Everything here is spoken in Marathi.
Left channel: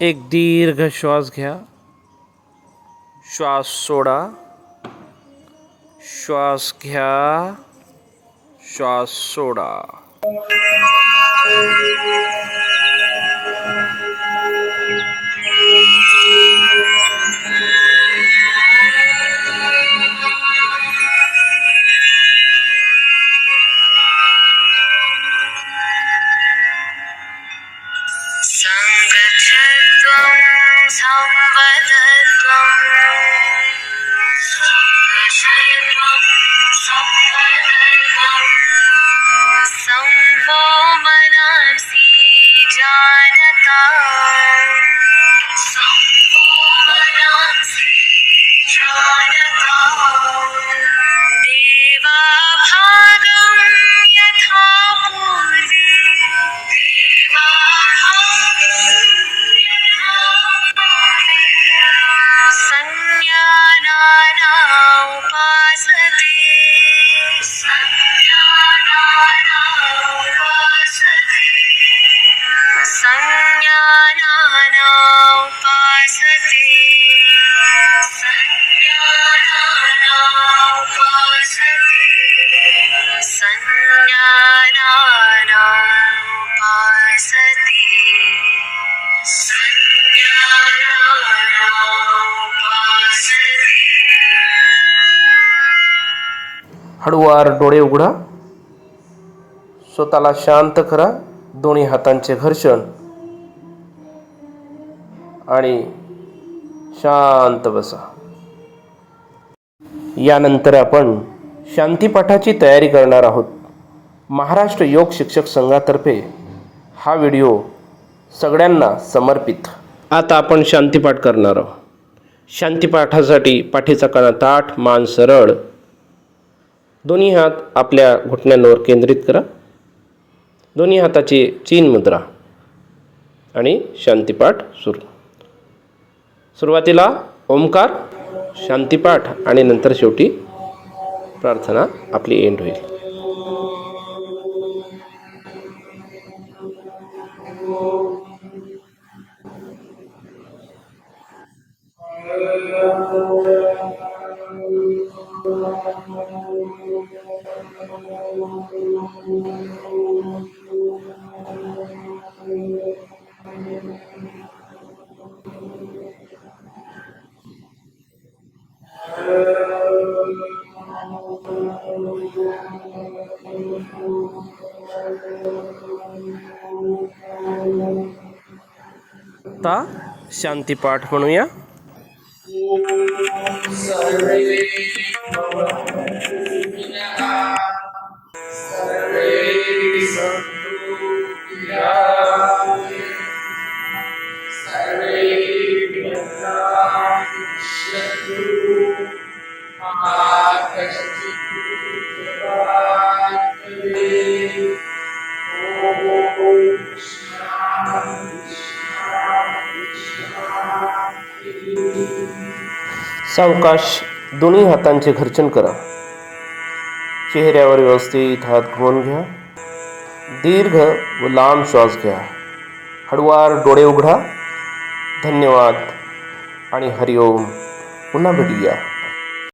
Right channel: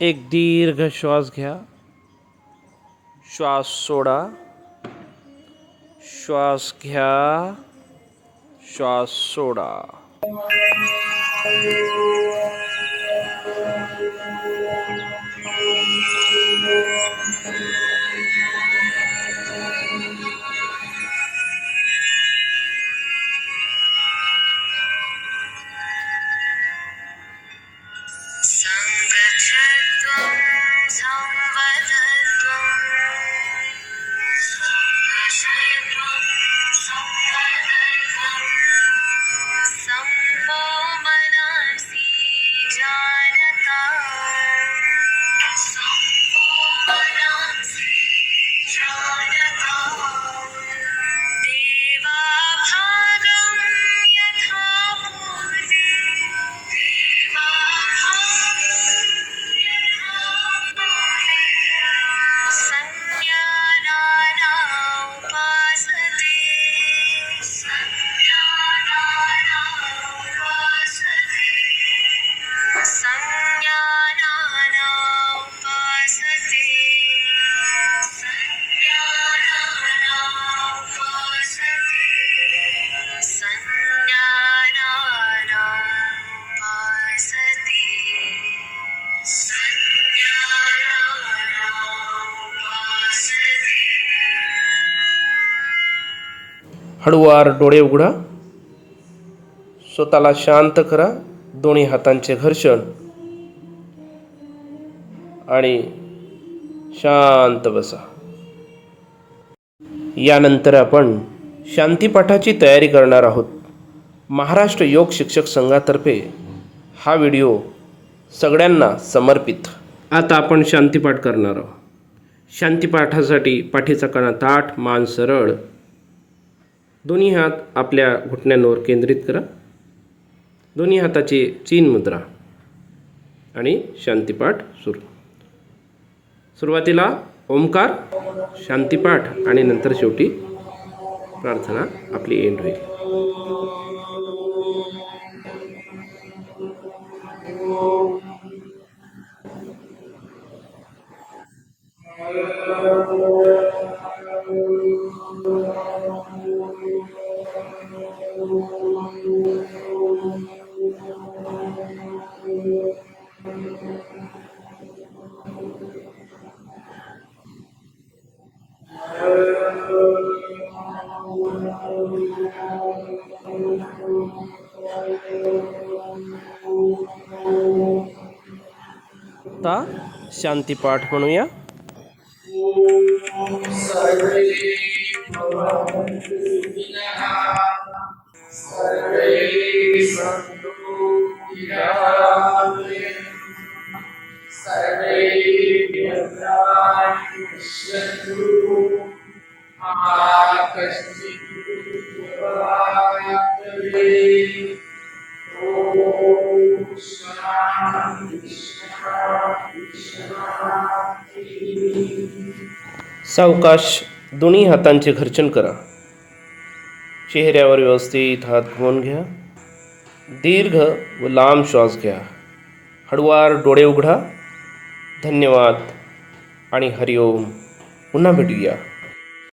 एक दीर्घ श्वास घ्या, श्वास सोडा, श्वास घ्या, श्वास सोडा. संगच्छध्वं संवदध्वं संगच्छध्वं संवदध्वं संवो मनसि जानता संवो मनसि जानता देवाभागं यथा पूर्वे संज्ञानाना उपासते संज्ञानाना उपासते संज्ञानाना उपासते संज्ञानाना उपासते संज्ञानाना उपासते संज्ञानाना उपासते. हळूवार डोळे उघडा, स्वतःला शांत करा. दोन्ही हातांचे घर्षण आणि शांत बसा. यानंतर आपण शांतीपाठाची तयारी करणार आहोत. महाराष्ट्र योग शिक्षक संघातर्फे हा व्हिडिओ सगळ्यांना समर्पित. आता आपण शांतीपाठ करणार आहोत. शांतीपाठासाठी पाठीचा कणा ताठ, मान सरळ, दोन्ही हात आपल्या घुटण्यांवर केंद्रित करा. दोन्ही हाताची चीन मुद्रा आणि शांतीपाठ सुरू. सुरुवातीला ओंकार, शांतीपाठ आणि नंतर शेवटी प्रार्थना आपली एंड होईल. आता शांतीपाठ म्हणूया. सावकाश दोन्ही हातांचे घर्षण करा. चेहऱ्यावर व्यवस्थित हात घुमवून घ्या. दीर्घ व लांब श्वास घ्या. हळूवार डोळे उघडा. धन्यवाद आणि हरिओम. पुन्हा भेटूया.